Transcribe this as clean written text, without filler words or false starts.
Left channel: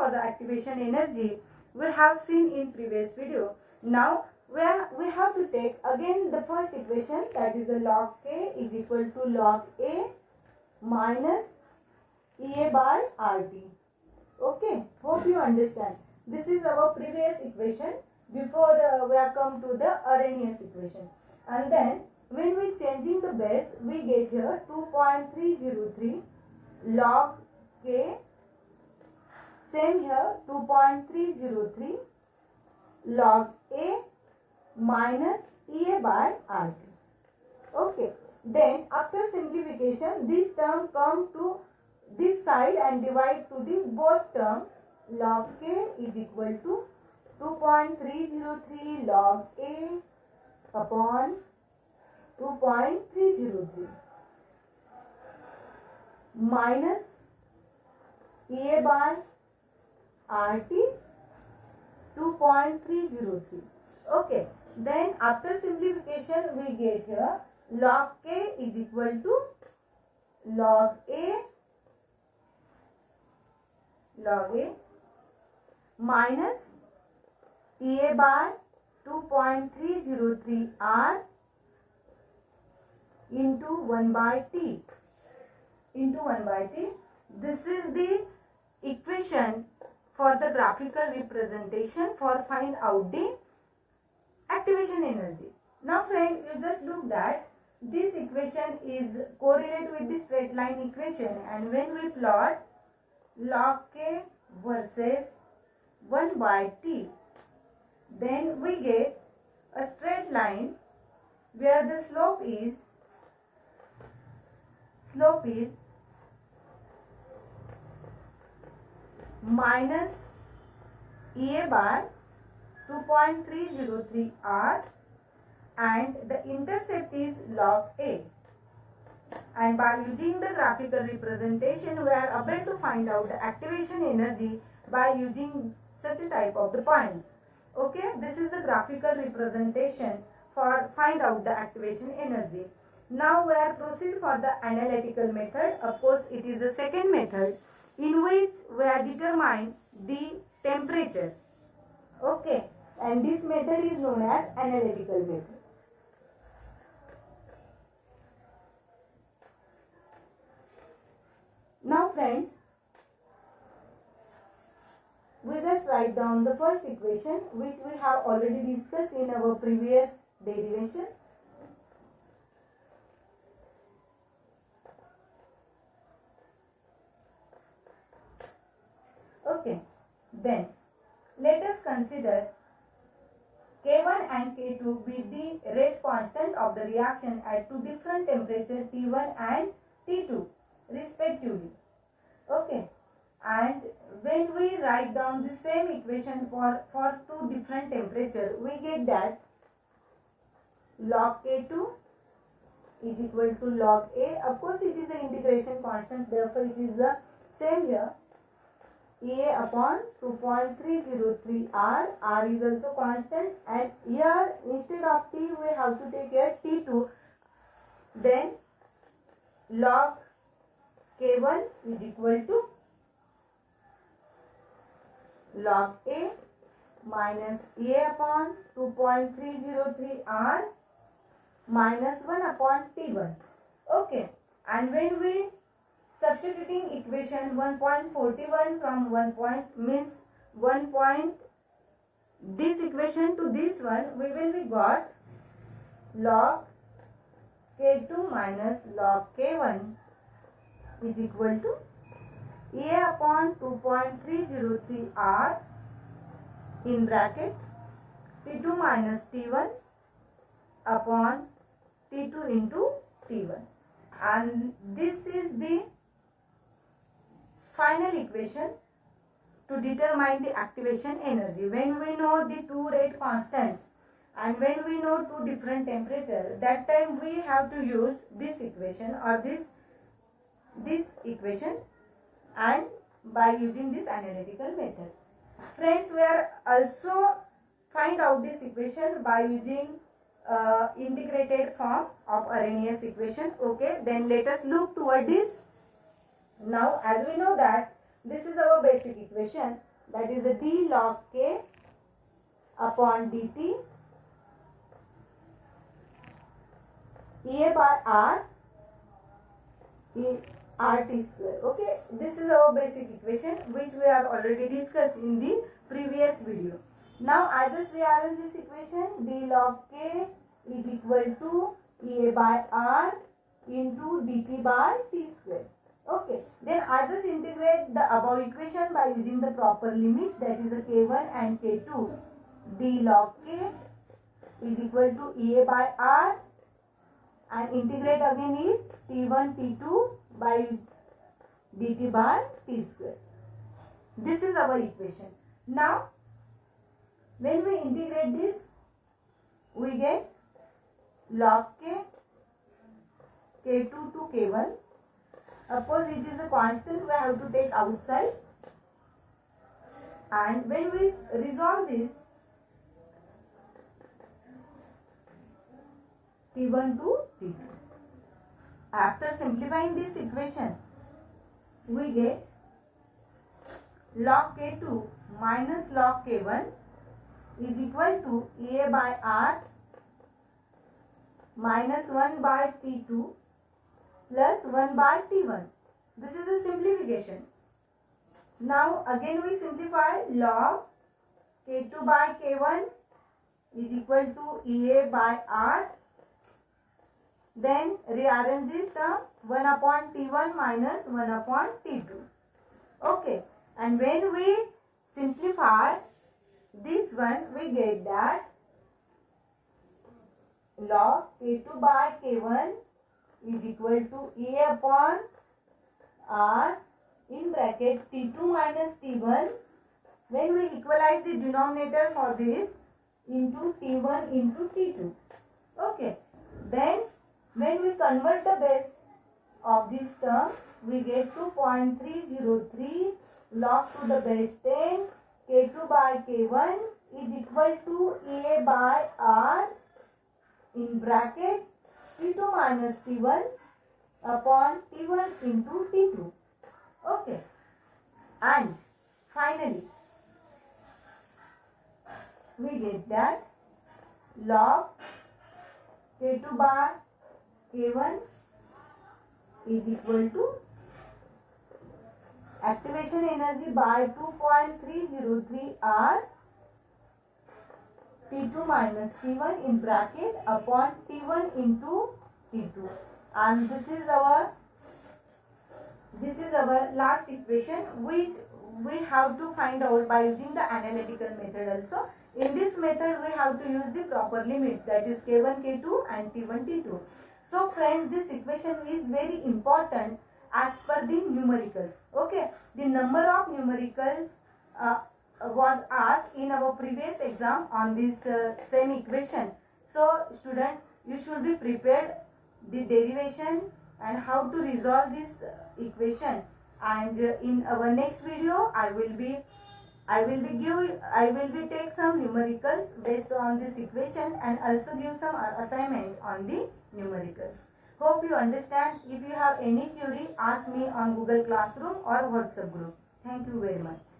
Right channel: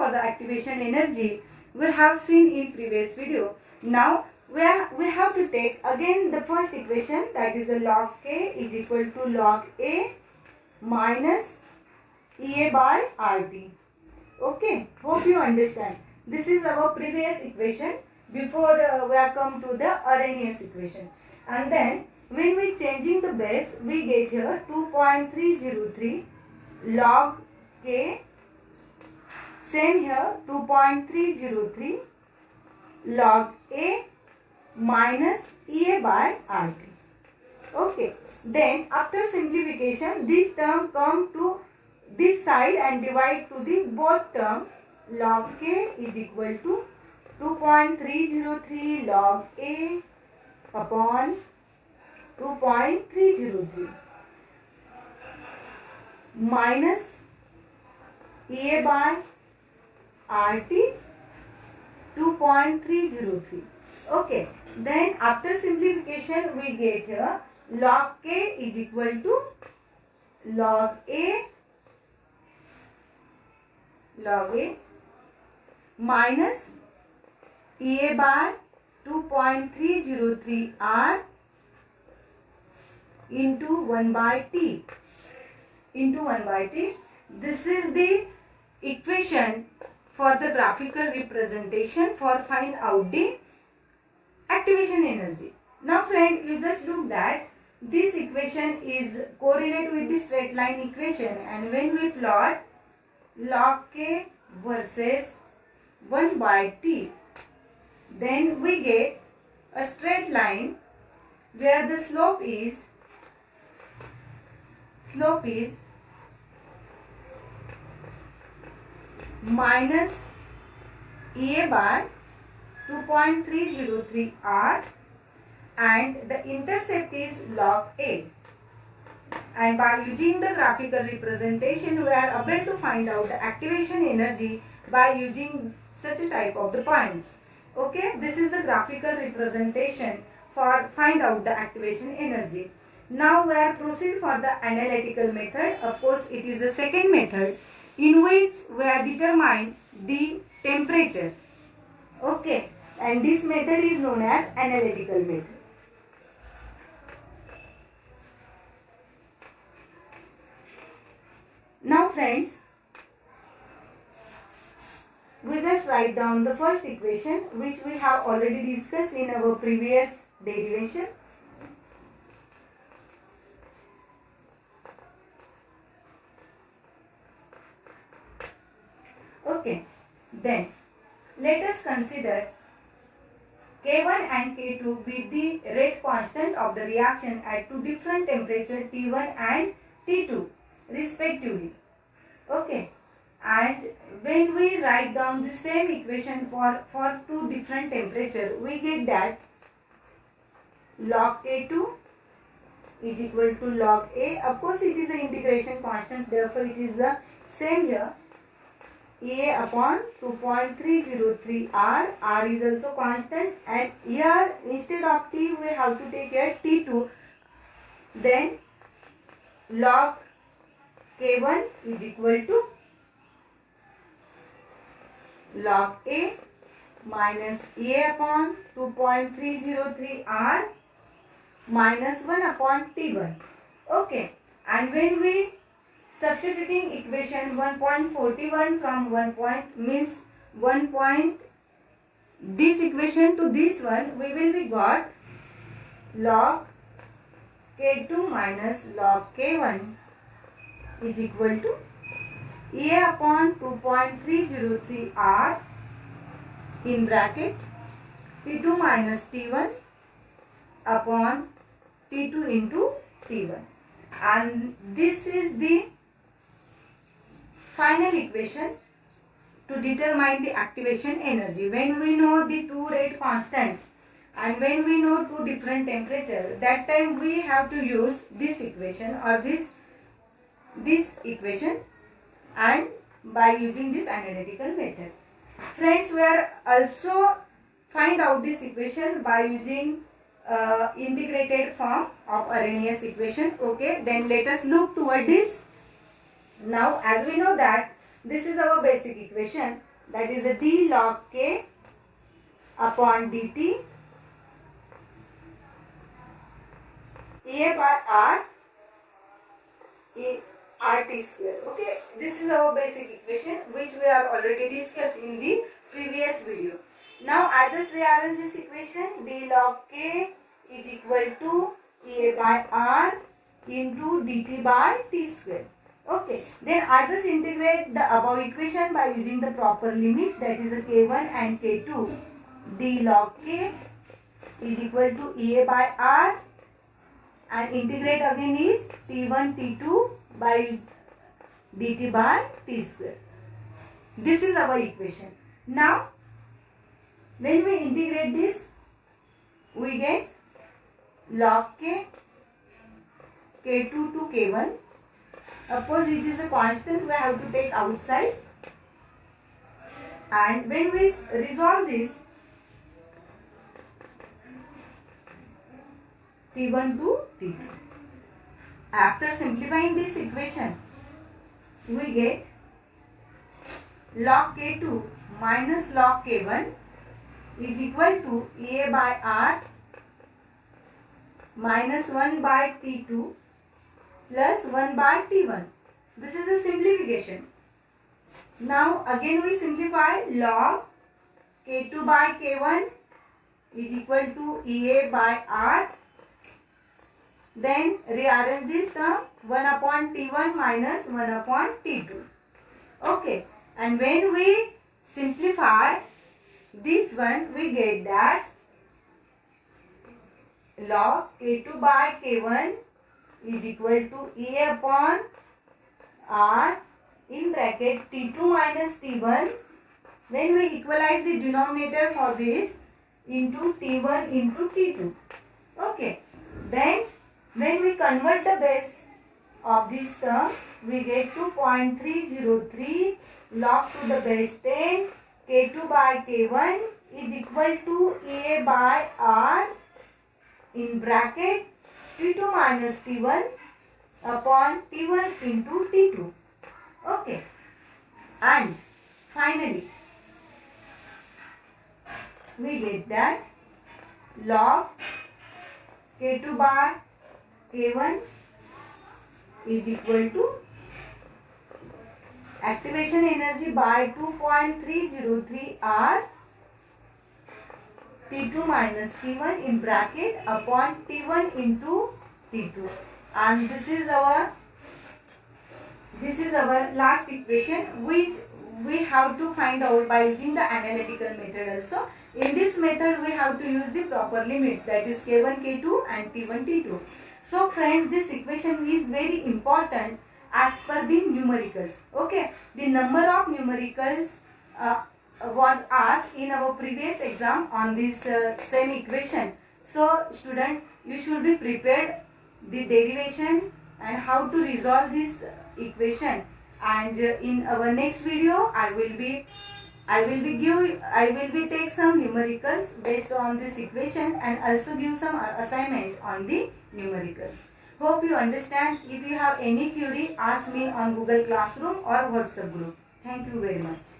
for the activation energy we have seen in previous video. Now we have to take again the first equation, that is the log K is equal to log A minus EA by RT. Okay, hope you understand. This is our previous equation before we have come to the Arrhenius equation. And then when we changing the base, we get here 2.303 log K. Same here 2.303 log A minus EA by RT. Okay. Then after simplification, this term come to this side and divide to the both term. Log K is equal to 2.303 log A upon 2.303 minus EA by RT 2.303. Okay. Then after simplification we get here log K is equal to log A minus EA by 2.303 R into 1 by T. This is the equation for the graphical representation for find out the activation energy. Now friend, you just look that this equation is correlate with the straight line equation, and when we plot log K versus 1 by T, then we get a straight line where the slope is minus EA by 2.303 R and the intercept is log A. And by using the graphical representation, we are able to find out the activation energy by using such a type of the points. Okay, this is the graphical representation for find out the activation energy. Now we are proceed for the analytical method. Of course, it is the second method in which we are determine the temperature. Okay, and this method is known as analytical method. Now friends, we just write down the first equation which we have already discussed in our previous derivation. Okay, then let us consider K1 and K2 be the rate constant of the reaction at two different temperature T1 and T2 respectively. Okay, and when we write down the same equation for two different temperature, we get that log K2 is equal to log A. Of course, it is an integration constant, therefore it is the same here. A upon 2.303 R. R is also constant, and here instead of T we have to take here T2. Then log K1 is equal to log A minus A upon 2.303 R minus 1 upon T1. Okay, and when we substituting equation 1.41 from 1 point means 1 point this equation to this one, we will be got log K2 minus log K1 is equal to A upon 2.303 R in bracket T2 minus T1 upon T2 into T1, and this is the final equation to determine the activation energy. When we know the two rate constant and when we know two different temperature, that time we have to use this equation or this equation, and by using this analytical method. Friends, we are also find out this equation by using integrated form of Arrhenius equation. Okay, then let us look toward this. Now, as we know that this is our basic equation, that is a d log k upon dt A by r RT square. Okay, this is our basic equation which we have already discussed in the previous video. Now I just rearrange this equation. D log k is equal to A by r into dt by t square. Okay, then I just integrate the above equation by using the proper limit, that is a k1 and k2. D log k is equal to A by r and integrate again is t1 t2 by dt by t square. This is our equation. Now when we integrate this, we get log k k2 to k1. Suppose it is a constant, we have to take outside, and when we resolve this, t1 to t2. After simplifying this equation, we get log k2 minus log k1 is equal to A by r minus 1 by t2 plus 1 by t1. This is a simplification. Now again we simplify. Log k2 by k1 is equal to A by r. Then rearrange this term, 1 upon t1 minus 1 upon t2. Okay, and when we simplify this one, we get that log k2 by k1 is equal to A upon r in bracket t2 minus t1. When we equalize the denominator for this into t1 into t2. Okay, then when we convert the base of this term, we get 2.303 log to the base 10 k2 by k1 is equal to A by r in bracket t2 minus t1 upon t1 into t2. Okay, and finally we get that log k2 by k1 is equal to activation energy by 2.303 r t2 minus t1 in bracket upon t1 into t2, and this is our last equation which we have to find out by using the analytical method also. In this method we have to use the proper limits, that is k1 k2 and t1 t2. So friends, this equation is very important as per the numericals. Okay, the number of numericals was asked in our previous exam on this same equation. So student, you should be prepared the derivation and how to resolve this equation. And in our next video, I will be take some numericals based on this equation and also give some assignment on the numericals. Hope you understand. If you have any query, ask me on Google Classroom or WhatsApp group. Thank you very much.